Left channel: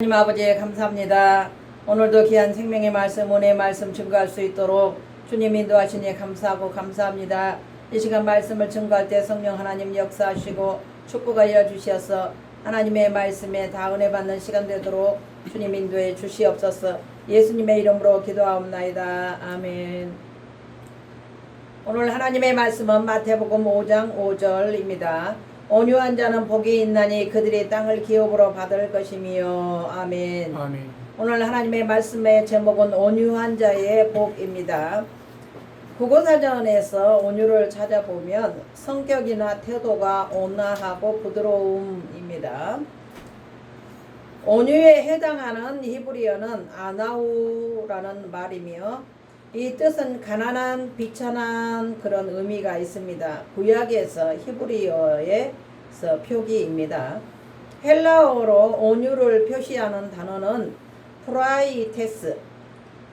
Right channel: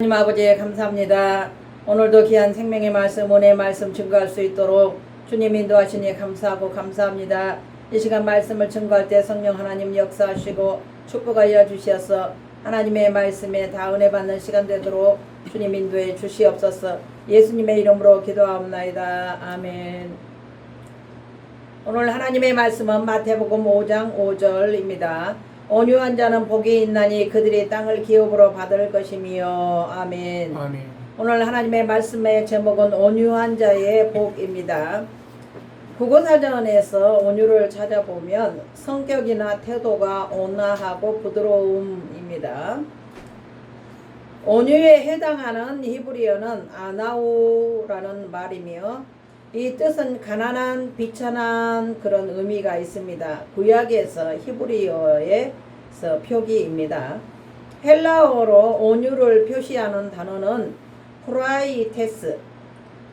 하나님 아버지 감사합니다. 오늘도 귀한 생명의 말씀, 은혜의 말씀 증거할 수 있도록 주님 인도하시니 감사하고 감사합니다. 이 시간 말씀을 증거할 때 성령 하나님 역사하시고 축복하 일하 주시어서 하나님의 말씀에 다 은혜 받는 시간 되도록 주님 인도해 주시옵소서. 예수님의 이름으로 기도하옵나이다. 아멘. 오늘 하나님의 말씀은 마태복음 5장 5절입니다. 온유한 자는 복이 있나니 그들이 땅을 기업으로 받을 것이며 아멘. 아멘. 오늘 하나님의 말씀의 제목은 온유한 자의 복입니다. 국어사전에서 온유를 찾아보면 성격이나 태도가 온화하고 부드러움입니다. 온유에 해당하는 히브리어는 아나우라는 말이며 이 뜻은 가난한 비천한 그런 의미가 있습니다. 구약에서 히브리어에서 표기입니다. 헬라어로 온유를 표시하는 단어는 프라이테스,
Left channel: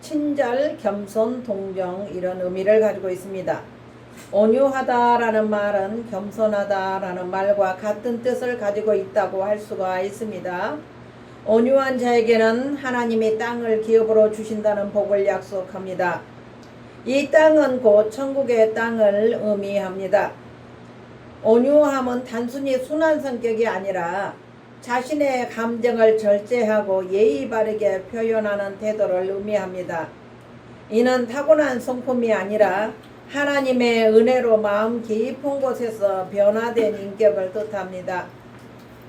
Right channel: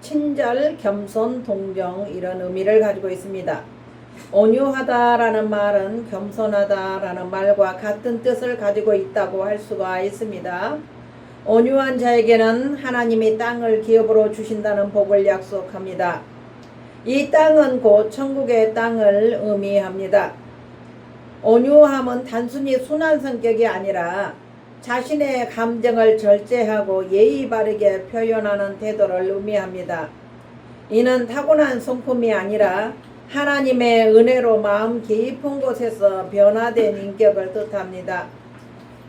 친절, 겸손, 동정 이런 의미를 가지고 있습니다. 온유하다라는 말은 겸손하다라는 말과 같은 뜻을 가지고 있다고 할 수가 있습니다. 온유한 자에게는 하나님이 땅을 기업으로 주신다는 복을 약속합니다. 이 땅은 곧 천국의 땅을 의미합니다. 온유함은 단순히 순한 성격이 아니라 자신의 감정을 절제하고 예의 바르게 표현하는 태도를 의미합니다. 이는 타고난 성품이 아니라 하나님의 은혜로 마음 깊은 곳에서 변화된 인격을 뜻합니다.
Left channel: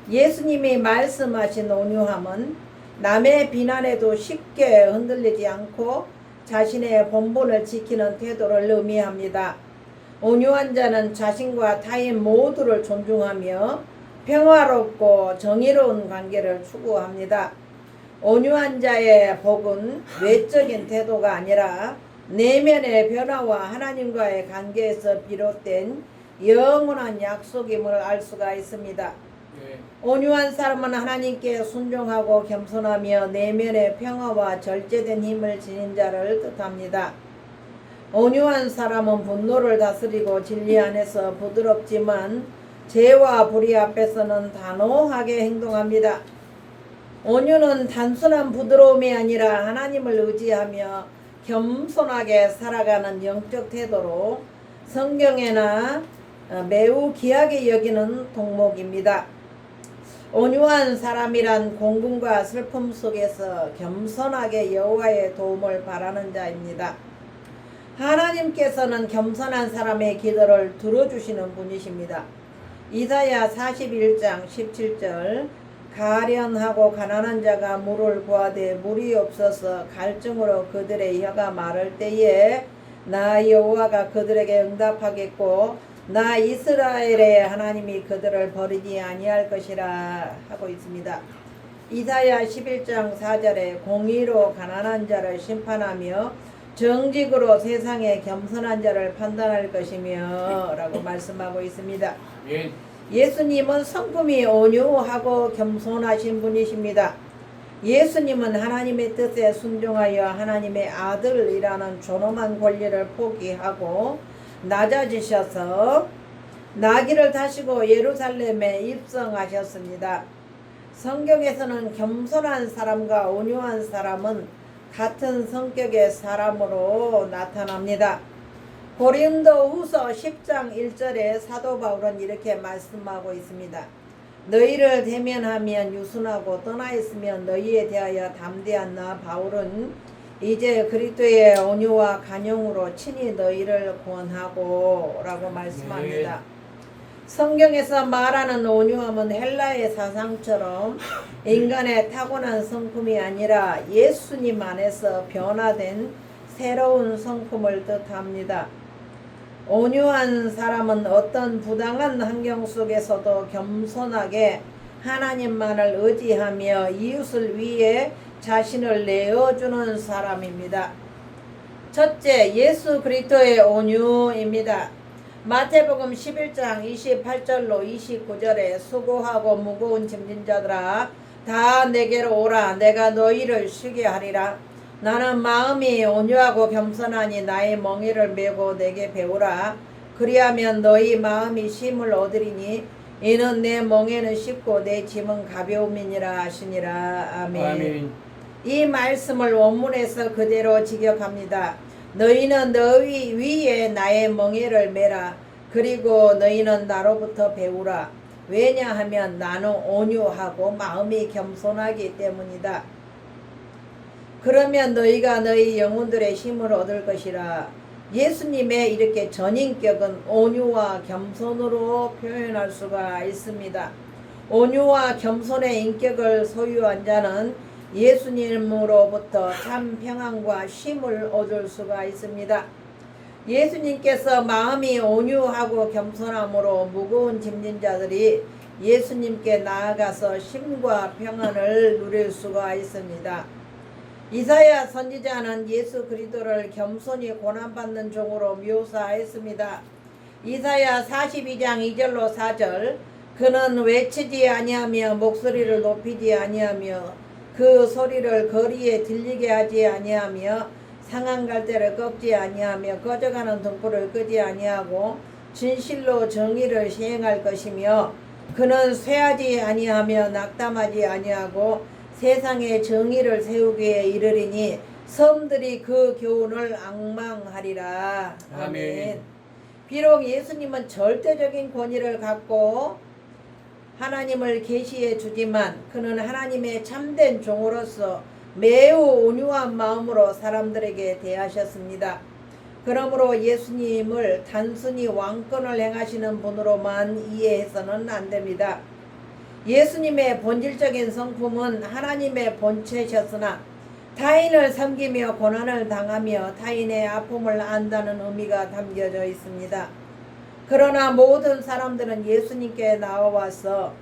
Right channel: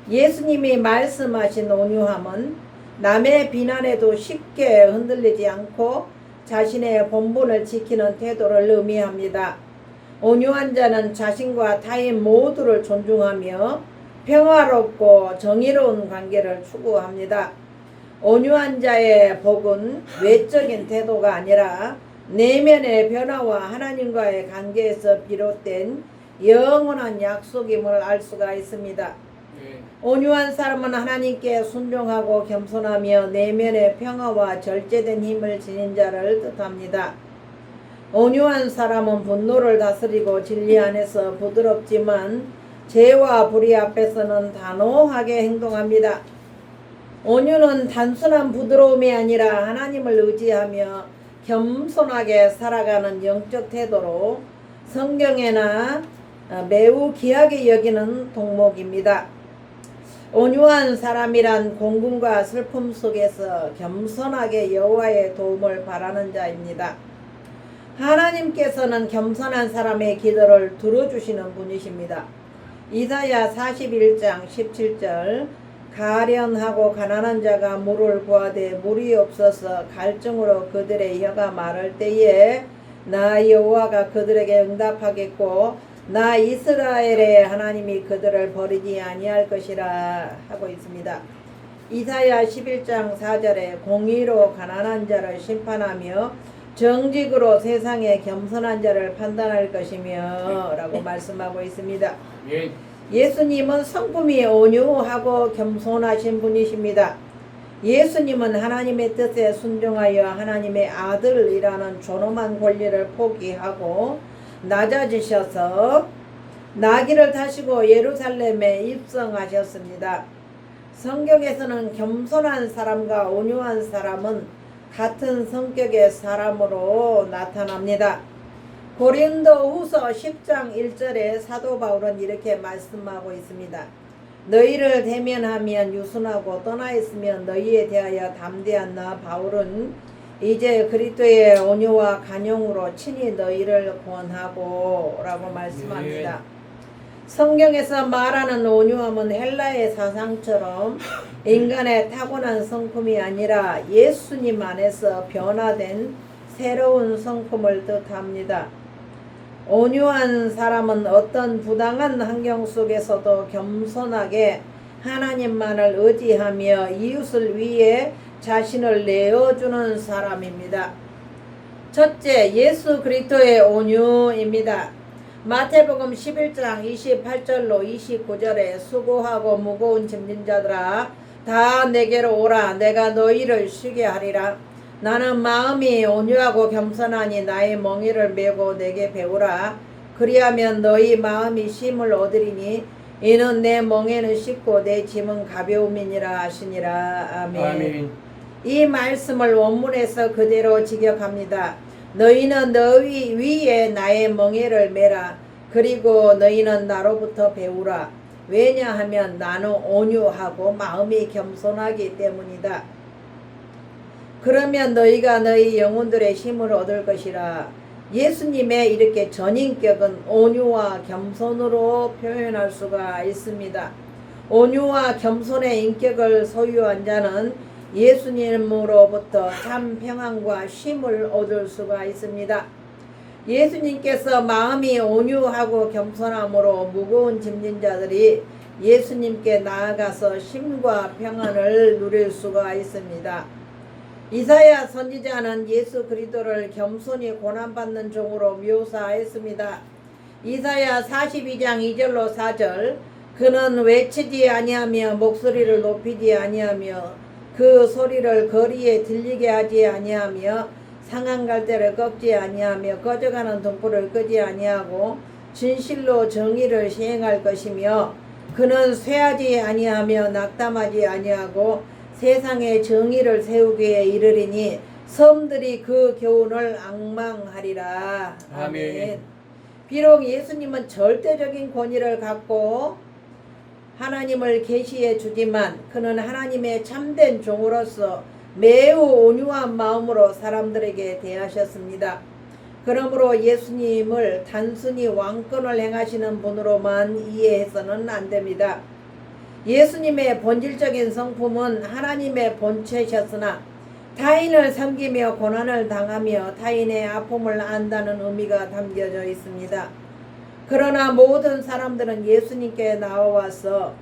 예수님이 말씀하신 온유함은 남의 비난에도 쉽게 흔들리지 않고 자신의 본분을 지키는 태도를 의미합니다. 온유한 자는 자신과 타인 모두를 존중하며 평화롭고 정의로운 관계를 추구합니다. 온유한 자의 복은 외적인 태도가 아니라 내면의 변화와 하나님과의 관계에서 비롯된 영원한 약속임을 알 수가 있습니다. 네. 온유한 사람은 하나님께 순종하고 겸손하며 내면의 평화와 절제된 힘을 지닌 자를 뜻합니다. 온유한 사람은 분노를 다스리고 진리 안에서 부드럽지만 죄와 불의 앞에서는 단호하게 행동합니다. 온유는 단순한 부드러움이 아니라 하나님을 의지하며 겸손하게 살아가는 영적 태도로 성경에나 어, 매우 귀하게 여기는 동목입니다. 온유한 사람이란 공군과 슬픔 속에서 겸손하게 여호와의 도움을 바라는 자입니다. 하나님께서는 겸손한 사람의 기도를 들어주시는 분이십니다. 이사야 41장 17절 가련하고 가난한 자가 물을 구하되 물이 없어서 갈증으로 그들의 혀가 마를 때에 나 여호와가 그들에게 응답하겠고 나 이스라엘의 하나님이 그들을 버리지 아니할 것이라 하고 있습니다. 이사야 11장 4절에 공의로 가난한 자를 심판하며 정직으로 세상의 겸손한 자를 판단할 것이며 라고 말씀하고 있습니다. 아멘. 예수님은 성품이 온유하고 겸손하신 분이십니다. 예수님은 하나님의 뜻에 순종하여 하나님의 아들이라는 존엄한 권리를 포기하고 낮아지셔서 나귀를 타시고 예루살렘에 입성하셨습니다. 성경에서는 겸손한 사람과 온유한 사람은 같은 성격의 사람으로 나타납니다. 고린도 후서 10장 1절에 사도 바울은 이렇게 말씀하고 있습니다. 너희를 대면하면 유순하고 떠나 있으면 너희에 대하여 담대한 나 바울은 이제 그리스도의 온유와 간용으로 친히 너희를 구원하고 라고 말씀합니다. 성경에서 말하는 온유함은 헬라의 사상처럼 인간의 타고난 성품이 아니라 예수님 안에서 변화된 새로운 성품을 뜻합니다. 온유한 사람은 어떤 부당한 환경 속에서도 겸손하게 하나님만을 의지하며 이웃을 위해 자신을 내어주는 사람입니다. 첫째, 예수 그리스도의 온유입니다. 마태복음 11장 28절로 29절에 수고하고 무거운 짐진 자들아 다 내게로 오라 내가 너희를 쉬게 하리라 나는 마음이 온유하고 겸손하니 나의 멍에를 메고 내게 배우라 그리하면 너희 마음이 쉼을 얻으리니 이는 내 멍에는 쉽고 내 짐은 가벼움이니라 하시니라 아멘. 아멘. 이 말씀을 원문에서 그대로 직역합니다. 너희는 너희 위에 나의 멍에를 메라. 그리고 너희는 나로부터 배우라. 왜냐하면 나는 온유하고 마음이 겸손하기 때문이다. 그러면 너희가 너희 영혼들의 힘을 얻을 것이라. 예수님의 이렇게 전인격은 온유와 겸손으로 표현할 수가 있습니다. 온유와 겸손의 인격을 소유한 자는 예수님으로부터 참 평안과 쉼을 얻을 수가 있습니다. 예수님께서 마음이 온유하고 겸손함으로 무거운 짐진 자들이 예수님께 나아가서 쉼과 평안을 누릴 수가 있습니다. 이사야 선지자는 예수 그리스도를 겸손히 고난받는 종으로 묘사했습니다. 이사야 42장 2절로 4절 그는 외치지 아니하며 목소리를 높이지 아니하며 그 소리를 거리에 들리게 하지 아니하며 상한 갈대를 꺾지 아니하며 꺼져가는 등불을 끄지 아니하고 진실로 정의를 시행할 것이며 그는 쇠하지 아니하며 낙담하지 아니하고 세상에 정의를 세우기에 이르리니 섬들이 그 교훈을 악망하리라. 아멘. 아멘. 비록 예수님은 절대적인 권위를 갖고 하나님을 계시해 주지만 그는 하나님의 참된 종으로서 매우 온유한 마음으로 사람들에게 대하셨습니다. 그러므로 예수님을 단순히 왕권을 행하시는 분으로만 이해해서는 안 됩니다. 예수님의 본질적인 성품은 하나님의 본체셨으나 타인을 섬기며 고난을 당하며 타인의 아픔을 안다는 의미가 담겨져 있습니다. 그러나 모든 사람들은 예수님께 나와서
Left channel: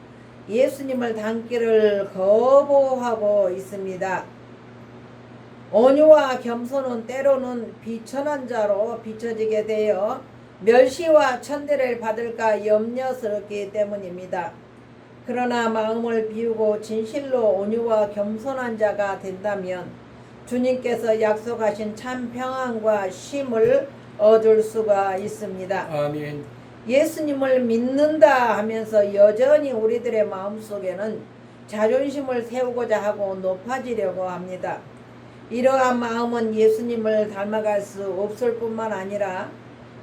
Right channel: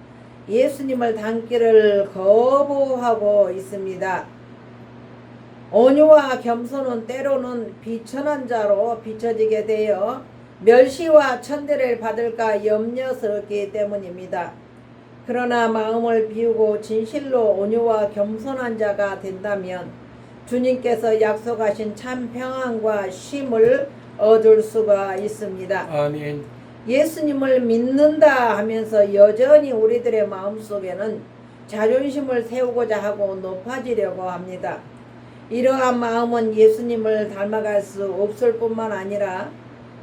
예수님을 닮기를 거부하고 있습니다. 온유와 겸손은 때로는 비천한 자로 비춰지게 되어 멸시와 천대를 받을까 염려스럽기 때문입니다. 그러나 마음을 비우고 진실로 온유와 겸손한 자가 된다면 주님께서 약속하신 참 평안과 쉼을 얻을 수가 있습니다. 아멘. 예수님을 믿는다 하면서 여전히 우리들의 마음속에는 자존심을 세우고자 하고 높아지려고 합니다. 이러한 마음은 예수님을 닮아갈 수 없을 뿐만 아니라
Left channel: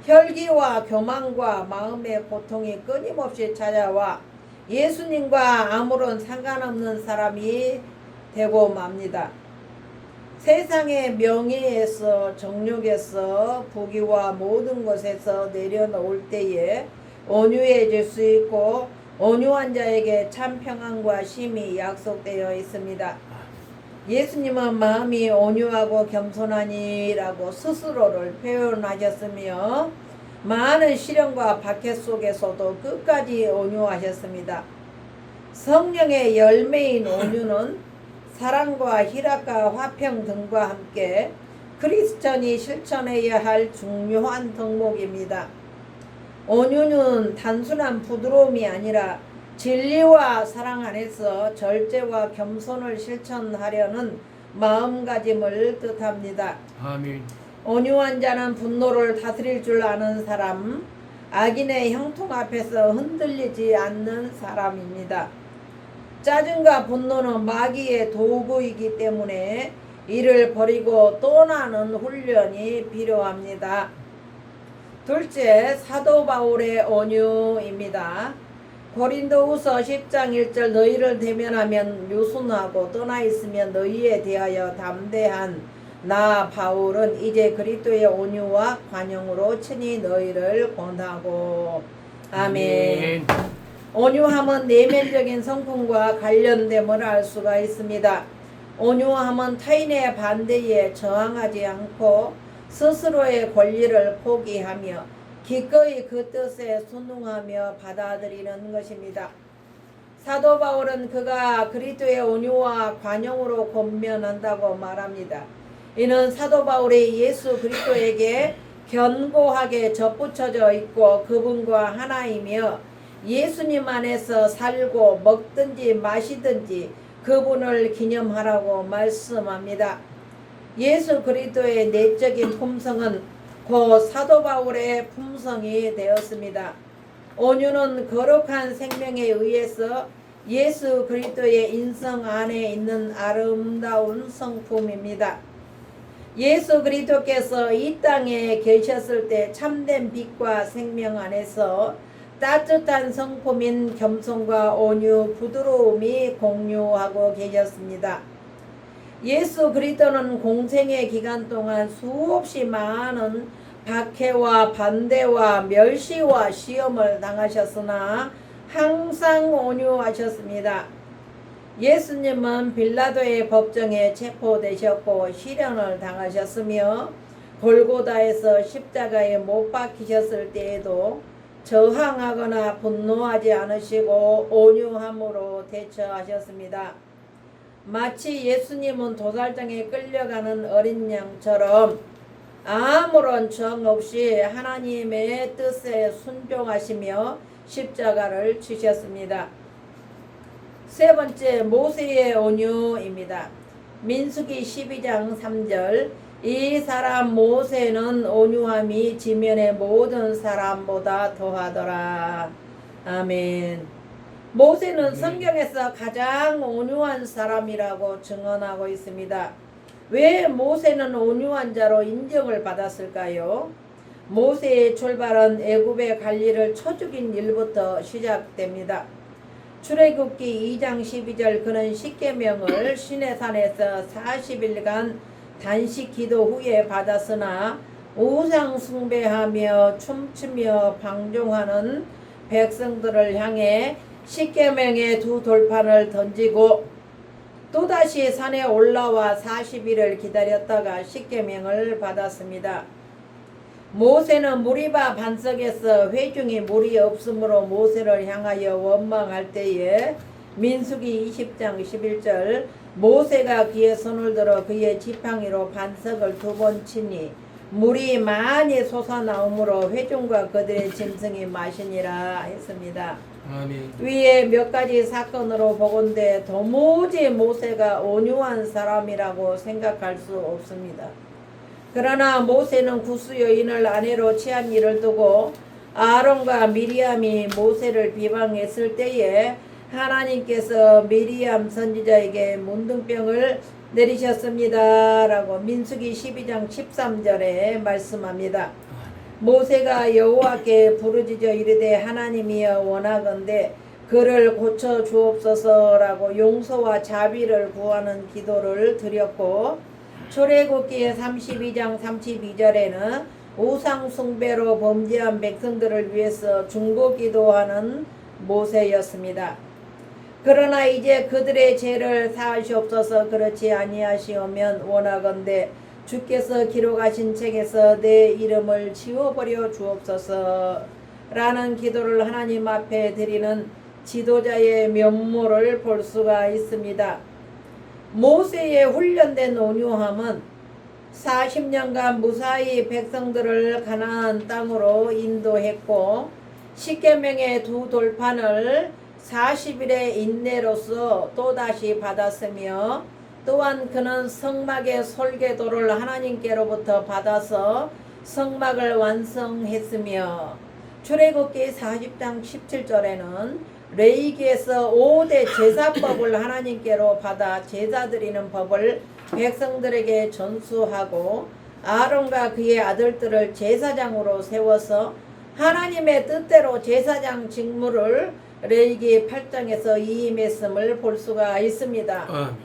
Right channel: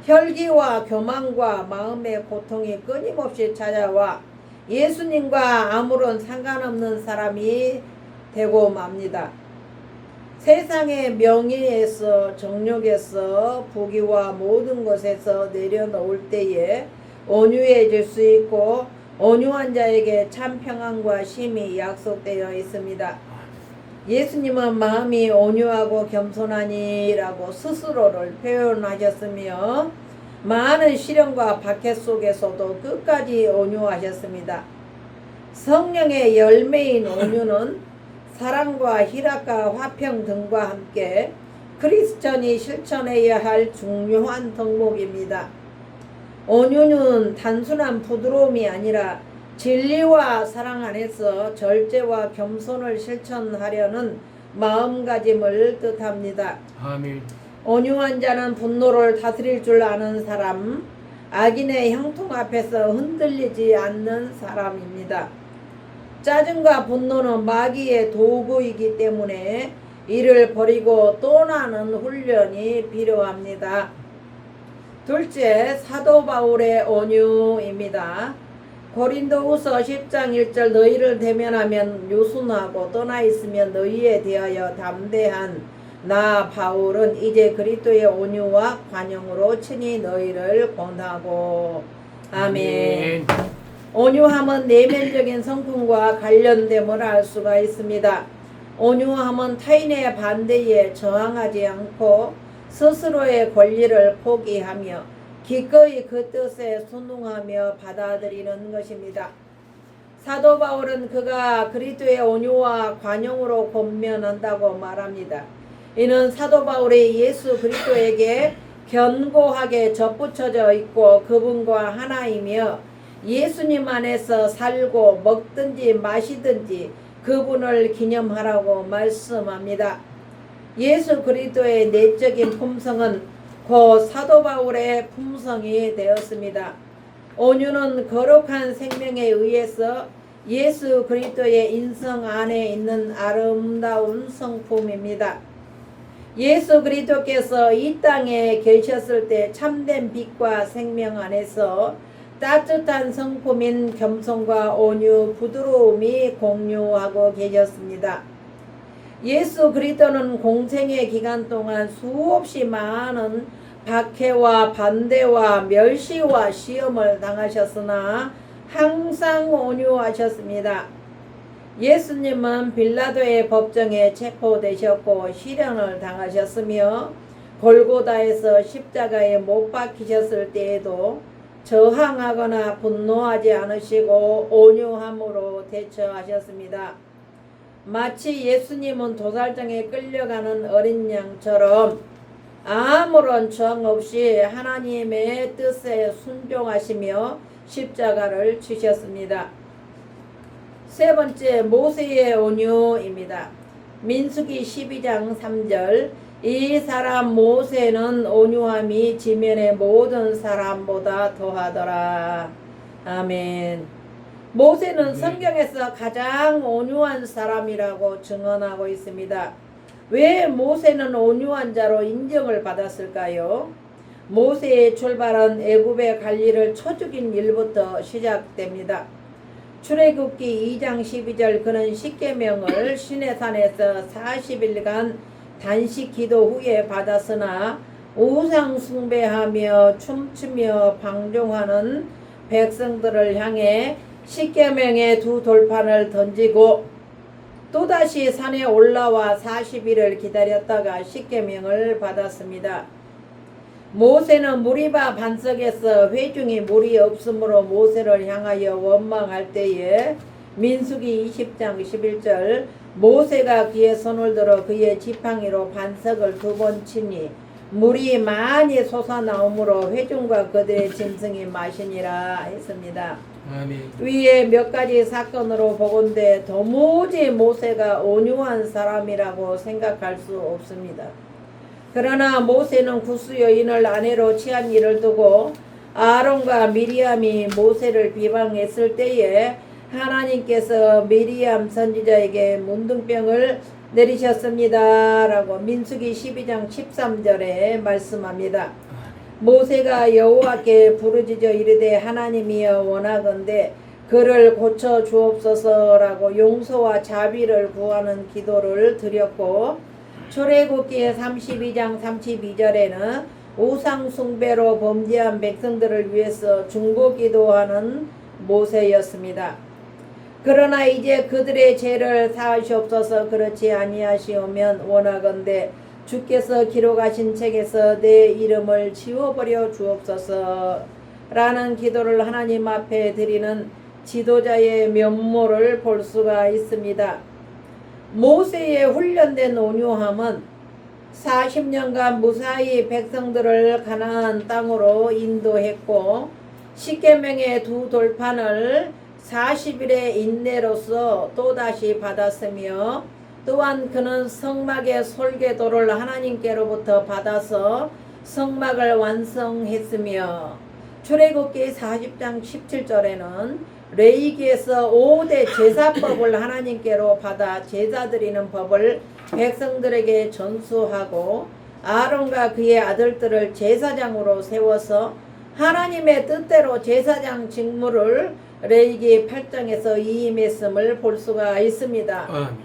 혈기와 교만과 마음의 고통이 끊임없이 찾아와 예수님과 아무런 상관없는 사람이 되고 맙니다. 세상의 명예에서 정욕에서 부귀와 모든 것에서 내려놓을 때에 온유해질 수 있고 온유한 자에게 참 평안과 쉼이 약속되어 있습니다. 예수님은 마음이 온유하고 겸손하니라고 스스로를 표현하셨으며 많은 시련과 박해 속에서도 끝까지 온유하셨습니다. 성령의 열매인 온유는 사랑과 희락과 화평 등과 함께 크리스천이 실천해야 할 중요한 덕목입니다. 온유는 단순한 부드러움이 아니라 진리와 사랑 안에서 절제와 겸손을 실천하려는 마음가짐을 뜻합니다. 아멘. 온유한 자는 분노를 다스릴 줄 아는 사람, 악인의 형통 앞에서 흔들리지 않는 사람입니다. 짜증과 분노는 마귀의 도구이기 때문에 이를 버리고 떠나는 훈련이 필요합니다. 둘째, 사도 바울의 온유입니다. 고린도후서 10장 1절 너희를 대면하면 유순하고 떠나 있으면 너희에 대하여 담대한 나 바울은 이제 그리스도의 온유와 관용으로 친히 너희를 권하고 아멘. 온유함은 내면적인 성품과 관련됨을 알 수가 있습니다. 온유함은 타인의 반대에 저항하지 않고 스스로의 권리를 포기하며 기꺼이 그 뜻에 순응하며 받아들이는 것입니다. 사도 바울은 그가 그리스도의 온유와 관용으로 권면한다고 말합니다. 이는 사도 바울이 예수 그리스도에게 견고하게 접붙여져 있고 그분과 하나이며 예수님 안에서 살고 먹든지 마시든지 그분을 기념하라고 말씀합니다. 예수 그리스도의 내적인 품성은 곧 사도 바울의 품성이 되었습니다. 온유는 거룩한 생명에 의해서 예수 그리스도의 인성 안에 있는 아름다운 성품입니다. 예수 그리스도께서 이 땅에 계셨을 때 참된 빛과 생명 안에서 따뜻한 성품인 겸손과 온유, 부드러움이 공유하고 계셨습니다. 예수 그리스도는 공생의 기간 동안 수없이 많은 박해와 반대와 멸시와 시험을 당하셨으나 항상 온유하셨습니다. 예수님은 빌라도의 법정에 체포되셨고 시련을 당하셨으며 골고다에서 십자가에 못 박히셨을 때에도 저항하거나 분노하지 않으시고 온유함으로 대처하셨습니다. 마치 예수님은 도살장에 끌려가는 어린 양처럼 아무런 저항 없이 하나님의 뜻에 순종하시며 십자가를 지셨습니다. 세 번째 모세의 온유입니다. 민수기 12장 3절 이 사람 모세는 온유함이 지면의 모든 사람보다 더하더라. 아멘. 모세는 성경에서 가장 온유한 사람이라고 증언하고 있습니다. 왜 모세는 온유한 자로 인정을 받았을까요? 모세의 출발은 애굽의 관리를 쳐죽인 일부터 시작됩니다. 출애굽기 2장 12절 그는 십계명을 시내산에서 40일간 단식 기도 후에 받았으나 우상 숭배하며 춤추며 방종하는 백성들을 향해 십계명의 두 돌판을 던지고 또다시 산에 올라와 40일을 기다렸다가 십계명을 받았습니다. 모세는 무리바 반석에서 회중이 물이 없으므로 모세를 향하여 원망할 때에 민수기 20장 11절 모세가 그의 손을 들어 그의 지팡이로 반석을 두 번 치니 물이 많이 솟아나오므로 회중과 그들의 짐승이 마시니라 했습니다. 아멘. 위에 몇 가지 사건으로 보건대 도무지 모세가 온유한 사람이라고 생각할 수 없습니다. 그러나 모세는 구스 여인을 아내로 취한 일을 두고 아론과 미리암이 모세를 비방했을 때에 하나님께서 미리암 선지자에게 문둥병을 내리셨습니다. 라고 민수기 12장 13절에 말씀합니다. 모세가 여호와께 부르짖어 이르되 하나님이여 원하건대 그를 고쳐 주옵소서라고 용서와 자비를 구하는 기도를 드렸고 출애굽기 32장 32절에는 우상 숭배로 범죄한 백성들을 위해서 중보 기도하는 모세였습니다. 그러나 이제 그들의 죄를 사하시옵소서 그렇지 아니하시오면 원하건대 주께서 기록하신 책에서 내 이름을 지워버려 주옵소서 라는 기도를 하나님 앞에 드리는 지도자의 면모를 볼 수가 있습니다. 모세의 훈련된 온유함은 40년간 무사히 백성들을 가나안 땅으로 인도했고 십계명의 두 돌판을 40일의 인내로서 또다시 받았으며 또한 그는 성막의 설계도를 하나님께로부터 받아서 성막을 완성했으며 출애굽기 40장 17절에는 레이기에서 5대 제사법을 하나님께로 받아 제사 드리는 법을 백성들에게 전수하고 아론과 그의 아들들을 제사장으로 세워서 하나님의 뜻대로 제사장 직무를 레이기 8장에서 이임했음을 볼 수가 있습니다. 아멘.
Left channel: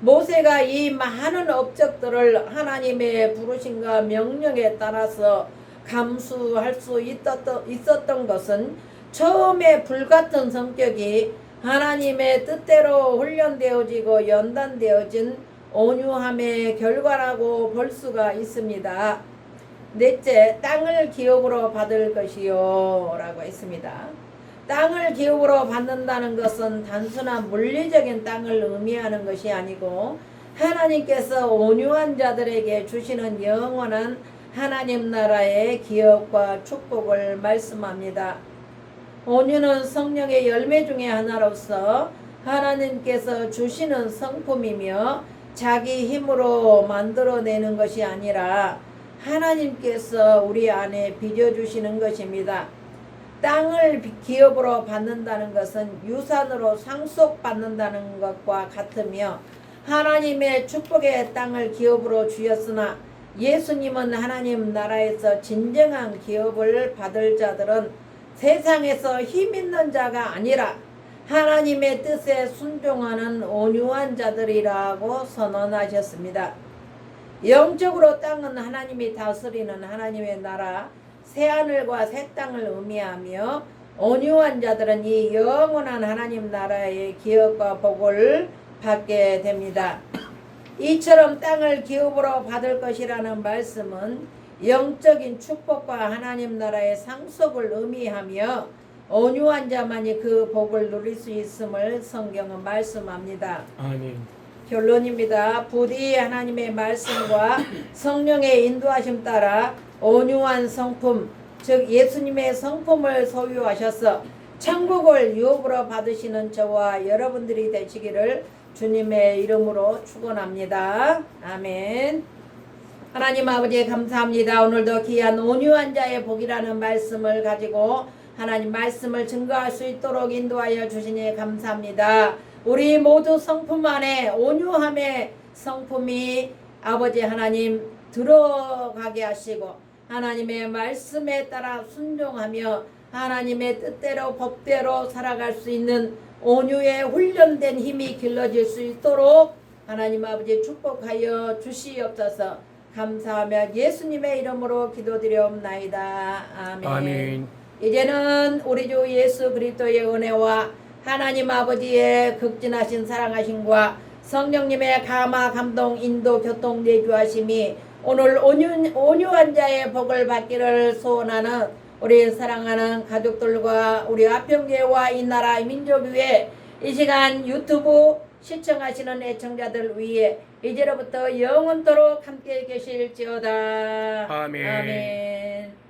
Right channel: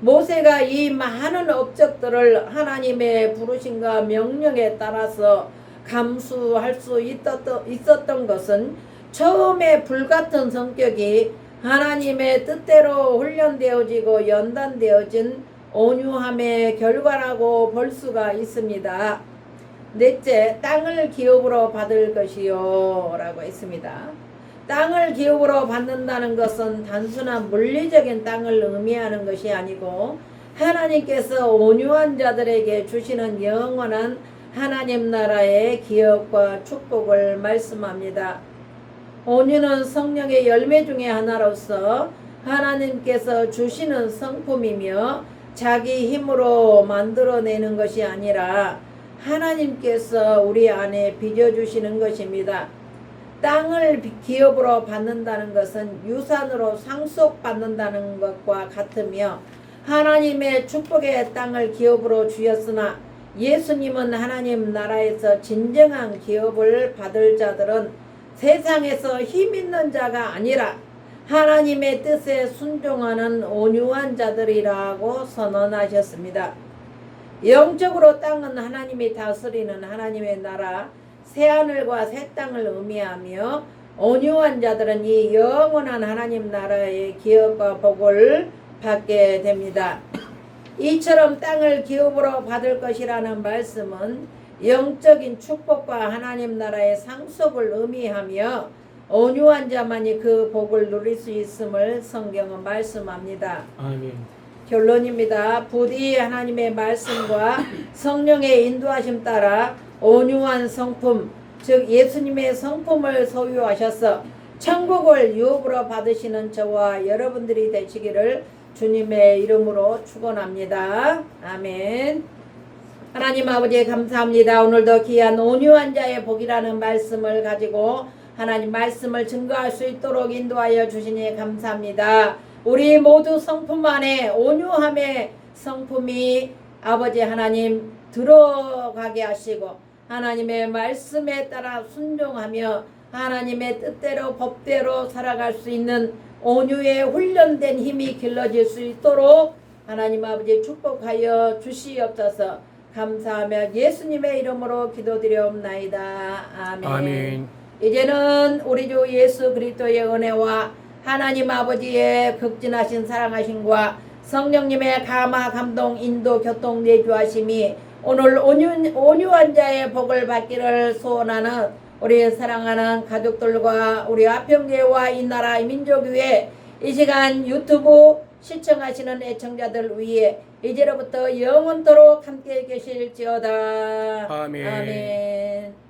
모세가 이 많은 업적들을 하나님의 부르심과 명령에 따라서 감수할 수 있었던, 있었던 것은 처음에 불같은 성격이 하나님의 뜻대로 훈련되어지고 연단되어진 온유함의 결과라고 볼 수가 있습니다. 넷째, 땅을 기업으로 받을 것이요. 라고 했습니다. 땅을 기업으로 받는다는 것은 단순한 물리적인 땅을 의미하는 것이 아니고 하나님께서 온유한 자들에게 주시는 영원한 하나님 나라의 기업과 축복을 말씀합니다. 온유는 성령의 열매 중의 하나로서 하나님께서 주시는 성품이며 자기 힘으로 만들어내는 것이 아니라 하나님께서 우리 안에 빚어주시는 것입니다. 땅을 비- 기업으로 받는다는 것은 유산으로 상속받는다는 것과 같으며 하나님의 축복의 땅을 기업으로 주였으나 예수님은 하나님 나라에서 진정한 기업을 받을 자들은 세상에서 힘 있는 자가 아니라 하나님의 뜻에 순종하는 온유한 자들이라고 선언하셨습니다. 영적으로 땅은 하나님이 다스리는 하나님의 나라 새하늘과 새 땅을 의미하며 온유한 자들은 이 영원한 하나님 나라의 기업과 복을 받게 됩니다. 이처럼 땅을 기업으로 받을 것이라는 말씀은 영적인 축복과 하나님 나라의 상속을 의미하며 온유한 자만이 그 복을 누릴 수 있음을 성경은 말씀합니다. 아멘. 결론입니다. 부디 하나님의 말씀과 성령의 인도하심 따라 온유한 성품, 즉 예수님의 성품을 소유하셔서 천국을 유업으로 받으시는 저와 여러분들이 되시기를 주님의 이름으로 축원합니다. 아멘. 하나님 아버지 감사합니다. 오늘도 귀한 온유한 자의 복이라는 말씀을 가지고 하나님 말씀을 증거할 수 있도록 인도하여 주시니 감사합니다. 우리 모두 성품 안에 온유함의 성품이 아버지 하나님 들어가게 하시고 하나님의 말씀에 따라 순종하며 하나님의 뜻대로 법대로 살아갈 수 있는 온유에 훈련된 힘이 길러질 수 있도록 하나님 아버지 축복하여 주시옵소서 감사하며 예수님의 이름으로 기도드리옵나이다. 아멘. 아멘. 이제는 우리 주 예수 그리스도의 은혜와 하나님 아버지의 극진하신 사랑하심과 성령님의 감화 감동 인도 교통 내주하심이 오늘 온유, 온유한 자의 복을 받기를 소원하는 우리 사랑하는 가족들과 우리 화평교회와 이 나라 이 민족 위에 이 시간 유튜브 시청하시는 애청자들 위해 이제로부터 영원토록 함께 계실지어다. 아멘. 아멘.